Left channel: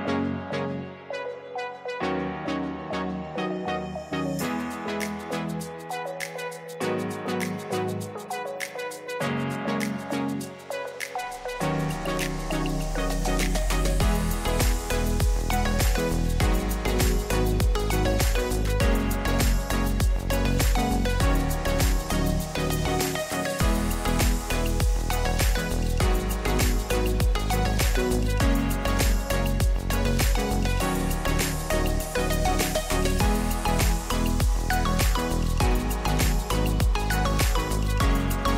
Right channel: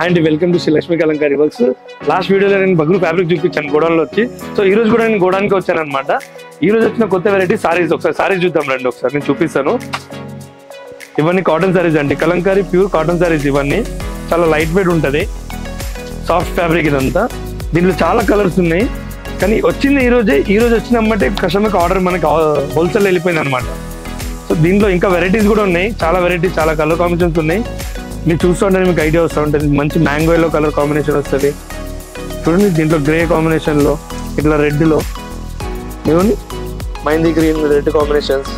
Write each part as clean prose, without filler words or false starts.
And welcome to Shri Lakshmi Kalamkari works. Last వీడియోలో నేను బగ్గులు fabric చూపించాను గోడౌన్లో వచ్చి. సో ఈ రోజు కూడా నేను గోడౌన్కి వచ్చాను అనమాట. ఈ రోజు వచ్చిన కొత్త వెరైటీ సారీస్. ఒకసారి సారీస్ చూద్దాం రండి, ఒకసారి నేను చూపిస్తాను. ఇవన్నీ కాటన్ సారీస్ అండి, కలంకారీ ప్యూర్ కాటన్ సారీస్. ఇవన్నీ చాలా లైట్ వెయిట్ ఉంటుంది, సాఫ్ట్ ఫ్యాబ్రిక్ ఇదంతా. దీంట్లో చాలా కలర్స్ ఉన్నాయి, కానీ వచ్చింది ఈ రోజు వచ్చినమ్మంటే కస్టమర్కి ఆర్డర్ మనకి హోల్సేల్ వెళ్ళిపోయింది అనమాట. సో దీంట్లో ఇంకా వెరైటీస్ కూడా ఉన్నాయి, చాలా వెరైటీస్, చాలా కలర్ కాంబినేషన్స్ ఉన్నాయి. మీరు చూస్తుంటే మీకు ఐడియా వస్తూ ఉంటుంది. మంచి మ్యాంగో ఎల్లో కలర్ కాంబినేషన్ వస్తుంది చూడండి. దీంట్లో గ్రే కాంబినేషన్లో, ఇట్లా రెడ్లో, ఇవన్నీ మైందీ గ్రీన్ రెడ్ కాంబినేషన్స్.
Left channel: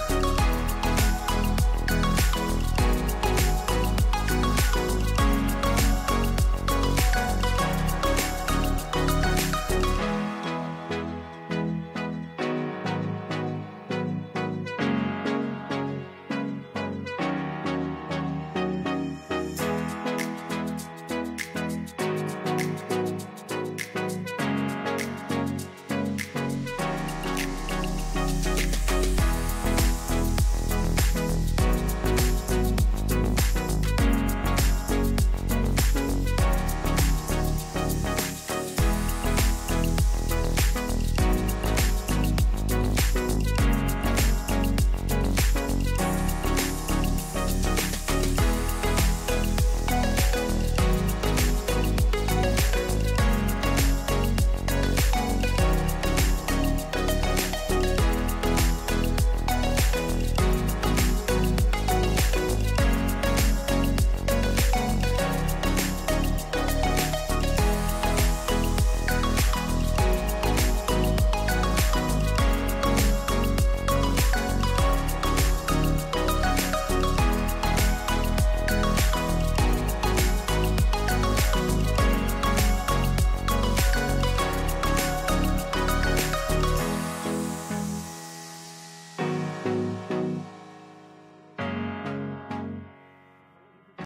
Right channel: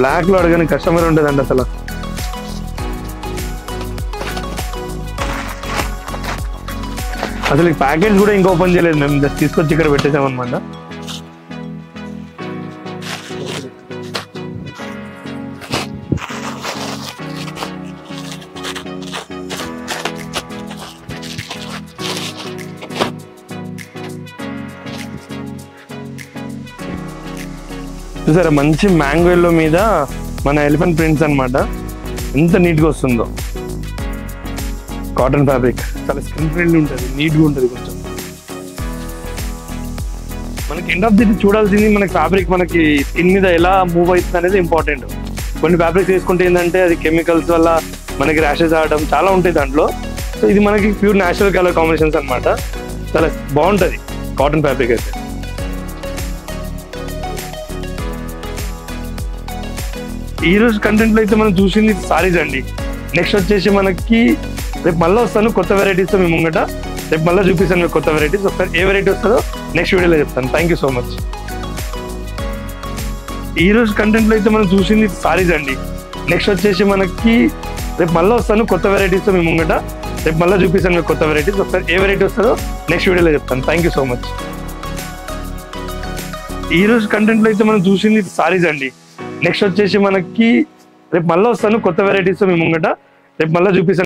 బ్లాక్లో అడగని కస్టమర్ ఉంటుందండి అసలు. అసలు ఈ ప్యాకేజ్ కూడా ఇంకా ఓపెన్ చేయలేదు, మేము జస్ట్ తీసుకొచ్చి ఇక్కడ పెట్టేసామన్నమాట. చూసారా, మంచి మ్యాంగో ఎల్లో మీద మన ఎలిఫెంట్ ప్రింట్స్ అనమాట. ఎంత నీట్గా వస్తుందో. కాటన్ ఫ్యాబ్రిక్ చాలా స్కిన్ ఫ్రెండ్లీ ఉంటుంది, నీట్గా ఉంటుంది. కొంచెం మనకి ఎండ్ ఆఫ్ ది చూడాల్సింది మనకి ఫ్యాబ్రిక్ మనకి స్కిన్ మీద ఎలా మూవ్ అవుతుంది అనేది ఇంపార్టెంట్. కొన్ని ఫ్యాబ్రిక్ తీసుకుంటే ఏంటంటే అది కెమికల్స్ వల్ల మనకి ర్యాషెస్ ఆడడం చాలా ఉంటాయి దాంట్లో. సో ఇది మనకి ప్యూర్ న్యాచురల్ కలర్ కాంబినేషన్స్ అనమాట. చాలా బాగుంటుంది కాటన్ ఫ్యాబ్రిక్ అయితే. ఈ రోజు కంటెంట్ లో అయితే మనం చూసింది సారీస్ అండి. నెక్స్ట్ వచ్చేసి మనకి రేపు మళ్ళీ వస్తాను కొత్త వెరైటీస్ మీ ముంగట. రేపు మళ్ళీ చూపిస్తాను మీకు కొత్త వెరైటీస్. ఒకసారి ఏ వెరైటీ వస్తుందో నెక్స్ట్ వీడియోలో చెప్తాను. Thank you so much. ఈ రోజు కంటెంట్ లో అయితే మనం చూసింది సారీస్ అండి. నెక్స్ట్ వచ్చేసి మనకి రేపు మళ్ళీ వస్తాను కొత్త వెరైటీస్ మీ ముంగట. రేపు మళ్ళీ చూపిస్తాను మీకు కొత్త వెరైటీస్. ఒకసారి ఏ వెరైటీ వస్తుందో నెక్స్ట్ వీడియోలో చెప్తాను. Thank you so much. ఈ రోజు కంటెంట్ లో అయితే మనం చూసింది సారీస్ అండి. నెక్స్ట్ వచ్చేసి మనకి రేపు మళ్ళీ వస్తాను కొత్త వెరైటీస్ మీ ముంగట. రేపు మళ్ళీ చూపిస్తాను.